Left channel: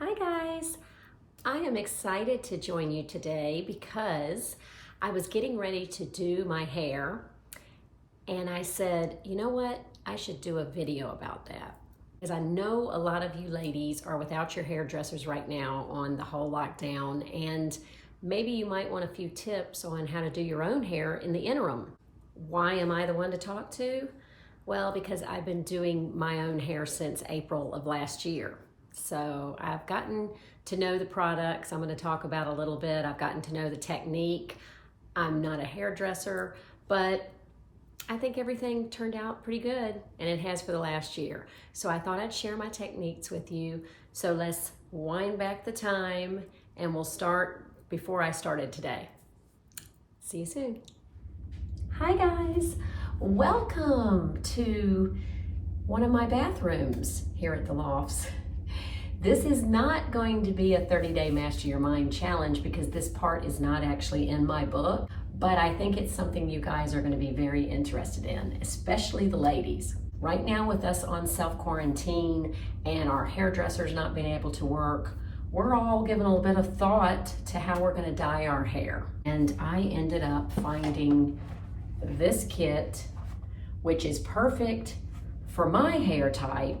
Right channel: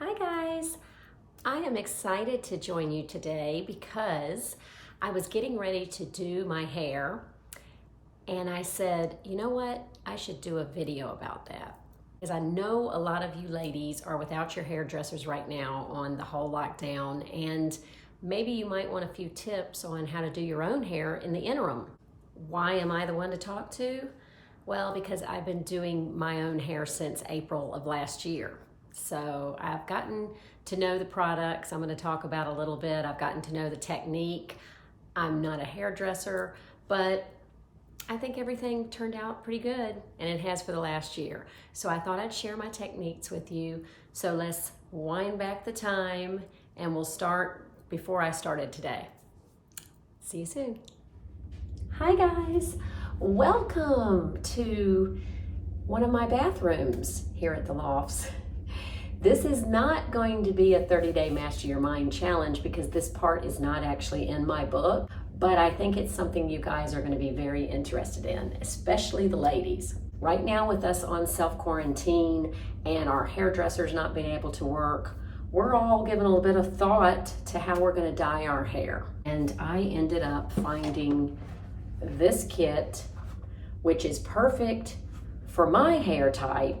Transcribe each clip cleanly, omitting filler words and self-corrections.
Hi guys, I am excited to join you today because I was getting ready to do my hair and I said, you know what, I should do a video about that. Because I know a lot of you ladies are without your hairdressers right now on the whole lockdown, and maybe you might want a few tips on how to do your own hair in the interim. Why am I the one to talk to? Well, because I've been doing my own hair since April of last year. So I've gotten to know the products I'm going to talk about a little bit. I've gotten to know the technique. I'm not a hairdresser, but I think everything turned out pretty good, and it has for the last year. So I thought I'd share my techniques with you. So let's wind back the time and we'll start before I started today. See you soon. Hi guys, welcome to one of my bathrooms here at the Lofts. This is not going to be a 30-day Master Your Mind challenge because this part is not actually in my book, but I think it's something you guys are going to be very interested in, especially the ladies. Right now with us on self-quarantine and our hairdressers not being able to work, we're all giving a little bit of thought to how we're going to dye our hair. And I ended up finding this kit, which is perfect for my hair type.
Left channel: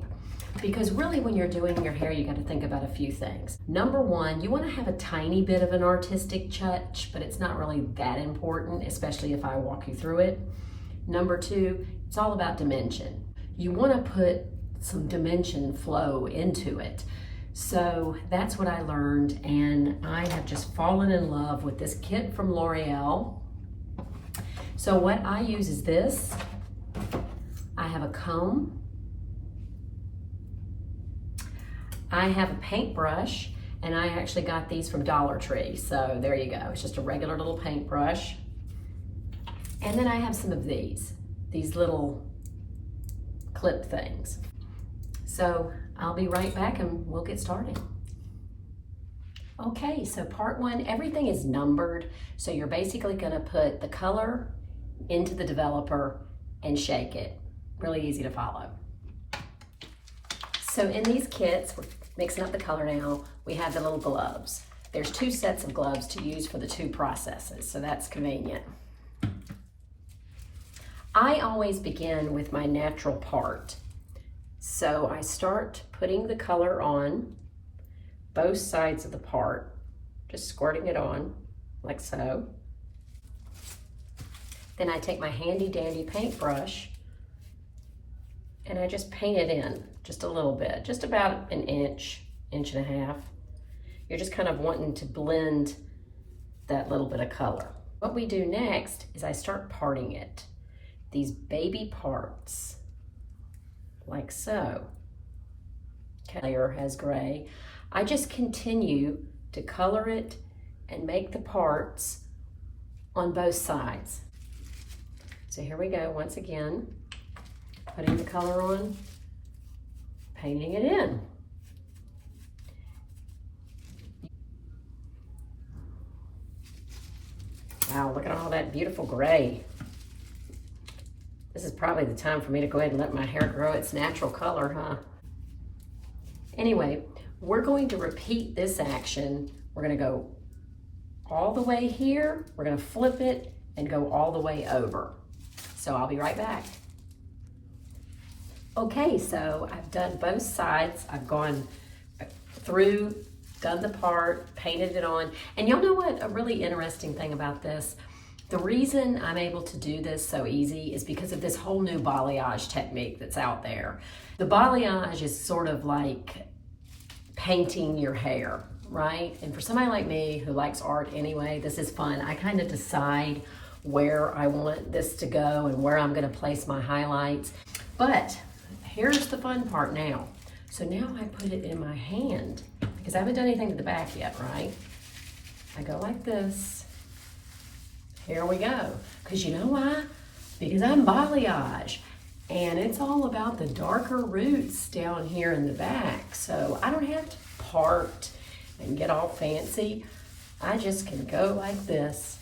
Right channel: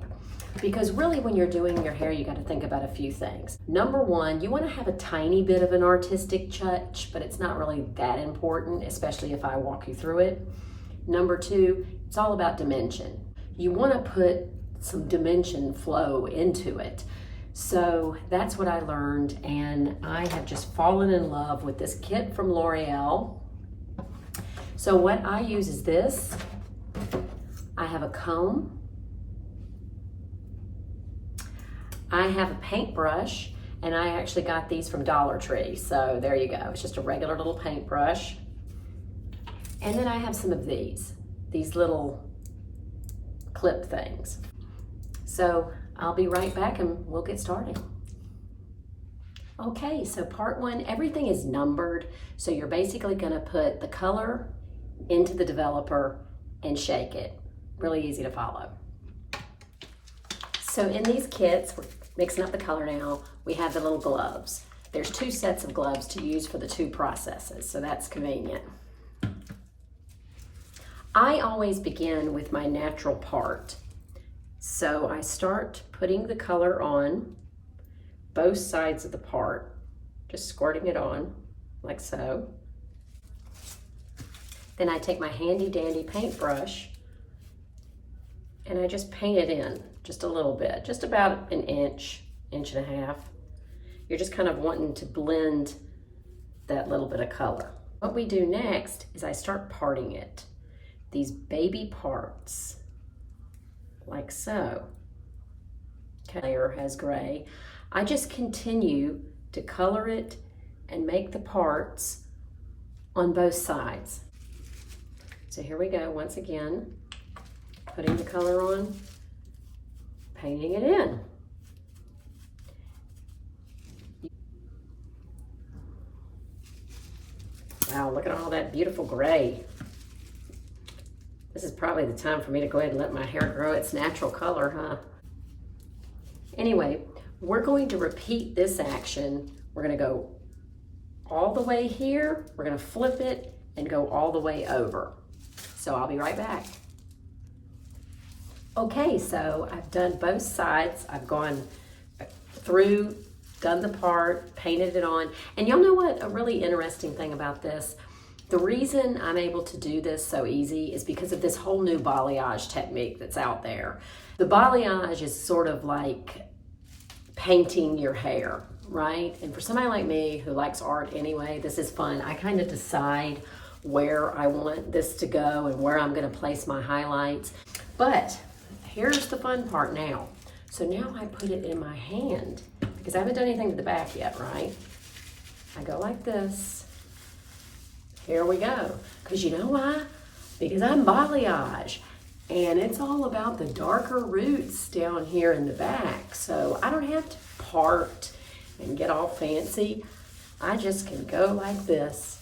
Because really when you're doing your hair, you got to think about a few things. Number one, you want to have a tiny bit of an artistic touch, but it's not really that important, especially if I walk you through it. Number two, it's all about dimension. You want to put some dimension flow into it. So that's what I learned, and I have just fallen in love with this kit from L'Oreal. So what I use is this. I have a comb. I have a paintbrush, and I actually got these from Dollar Tree. So there you go. It's just a regular little paintbrush. And then I have some of these little clip things. So I'll be right back and we'll get started. Okay, so part one, everything is numbered. So you're basically gonna put the color into the developer and shake it. Really easy to follow. So in these kits, we're mixing up the color now, we have the little gloves. There's two sets of gloves to use for the two processes, so that's convenient. I always begin with my natural part. So I start putting the color on both sides of the part, just squirting it on, like so. Then I take my handy dandy paintbrush and I just paint it in just a little bit, just about an inch, inch and a half. You're just kind of wanting to blend that little bit of color. What we do next is I start parting it. These baby parts, like so. Layer has gray. I just continue to color it and make the parts on both sides. So here we go once again. Putting the color on, painting it in. Wow, look at all that beautiful gray. This is probably the time for me to go ahead and let my hair grow its natural color, huh? Anyway, we're going to repeat this action. We're gonna go all the way here, we're gonna flip it and go all the way over. So I'll be right back. Okay, so I've done both sides. I've gone through, done the part, painted it on. And y'all know what? A really interesting thing about this, the reason I'm able to do this so easy is because of this whole new balayage technique that's out there. The balayage is sort of like painting your hair, right? And for somebody like me who likes art anyway, this is fun. I kind of decide where I want this to go and where I'm gonna place my highlights. But here's the fun part now. So now I put it in my hand because I haven't done anything to the back yet, right? I go like this. Here we go. Because you know why? Because I'm balayage. And it's all about the darker roots down here in the back. So I don't have to part and get all fancy. I just can go like this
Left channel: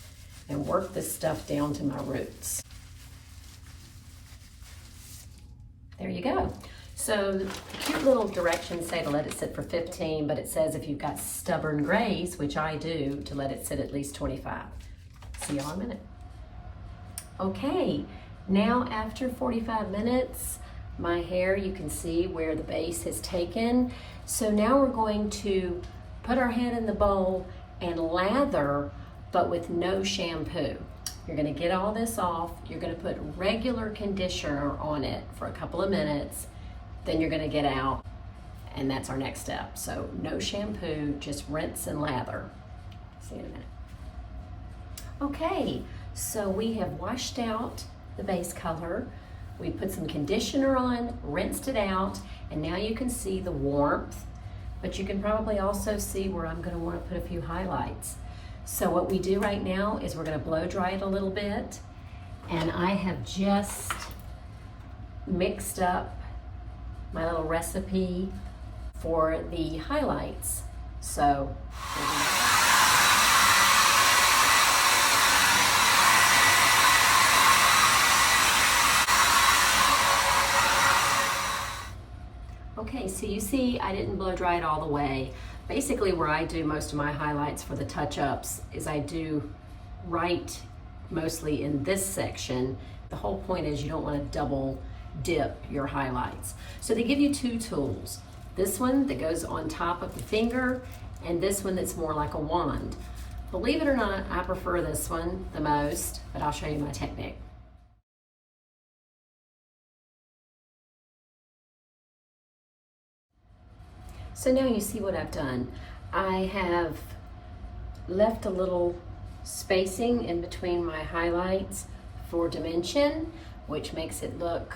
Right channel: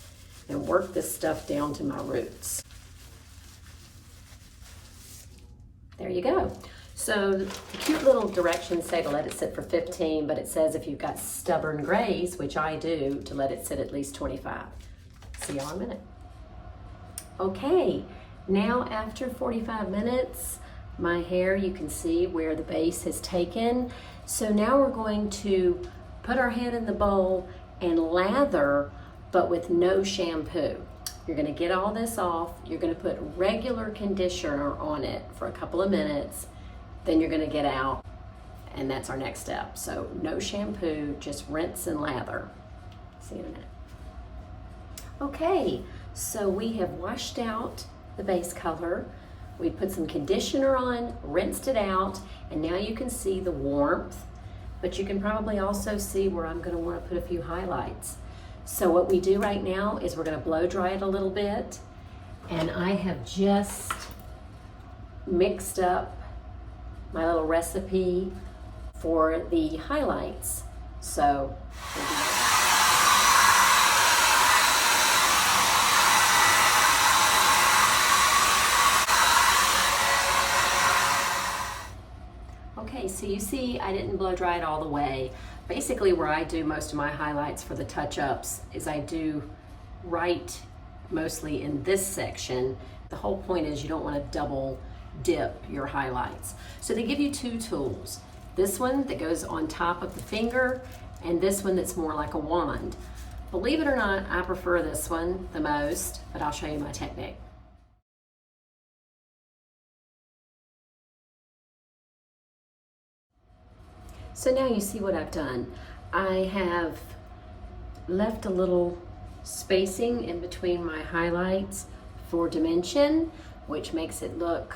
and work this stuff down to my roots. There you go. So the cute little directions say to let it sit for 15, but it says if you've got stubborn grays, which I do, to let it sit at least 25. See y'all in a minute. Okay, now after 45 minutes, my hair, you can see where the base has taken. So now we're going to put our head in the bowl and lather, but with no shampoo. You're gonna get all this off. You're gonna put regular conditioner on it for a couple of minutes. Then you're gonna get out, and that's our next step. So no shampoo, just rinse and lather. See you in a minute. Okay, so we have washed out the base color. We put some conditioner on, rinsed it out, and now you can see the warmth, but you can probably also see where I'm gonna wanna put a few highlights. So what we do right now is we're gonna blow dry it a little bit, and I have just mixed up my little recipe for the highlights. So, okay, so you see I didn't blow dry it all the way. Basically where I do most of my highlights for the touch-ups is I do right mostly in this section. The whole point is you don't want to double dip your highlights. So they give you two tools. This one that goes on top of the finger and this one that's more like a wand. Believe it or not, I prefer this one the most, but I'll show you my technique. So now you see what I've done. I have left a little spacing in between my highlights for dimension, which makes it look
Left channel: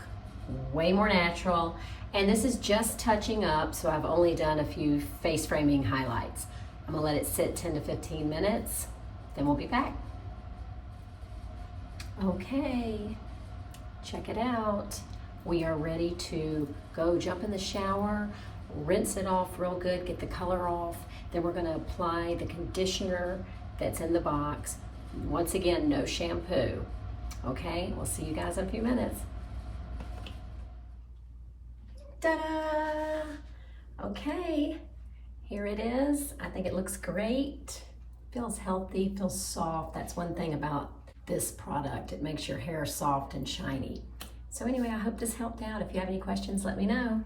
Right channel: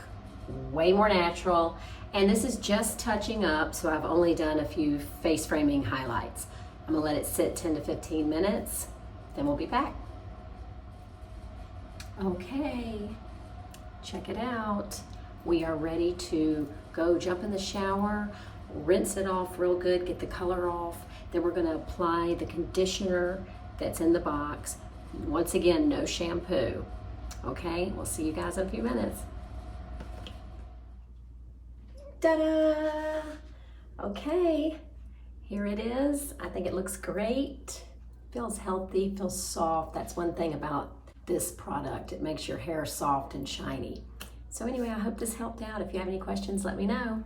way more natural. And this is just touching up, so I've only done a few face framing highlights. I'm gonna let it sit 10 to 15 minutes, then we'll be back. Okay, check it out. We are ready to go jump in the shower, rinse it off real good, get the color off. Then we're gonna apply the conditioner that's in the box. Once again, no shampoo. Okay, we'll see you guys in a few minutes. Ta-da! Okay, here it is. I think it looks great. Feels healthy, feels soft. That's one thing about this product. It makes your hair soft and shiny. So anyway, I hope this helped out. If you have any questions, let me know.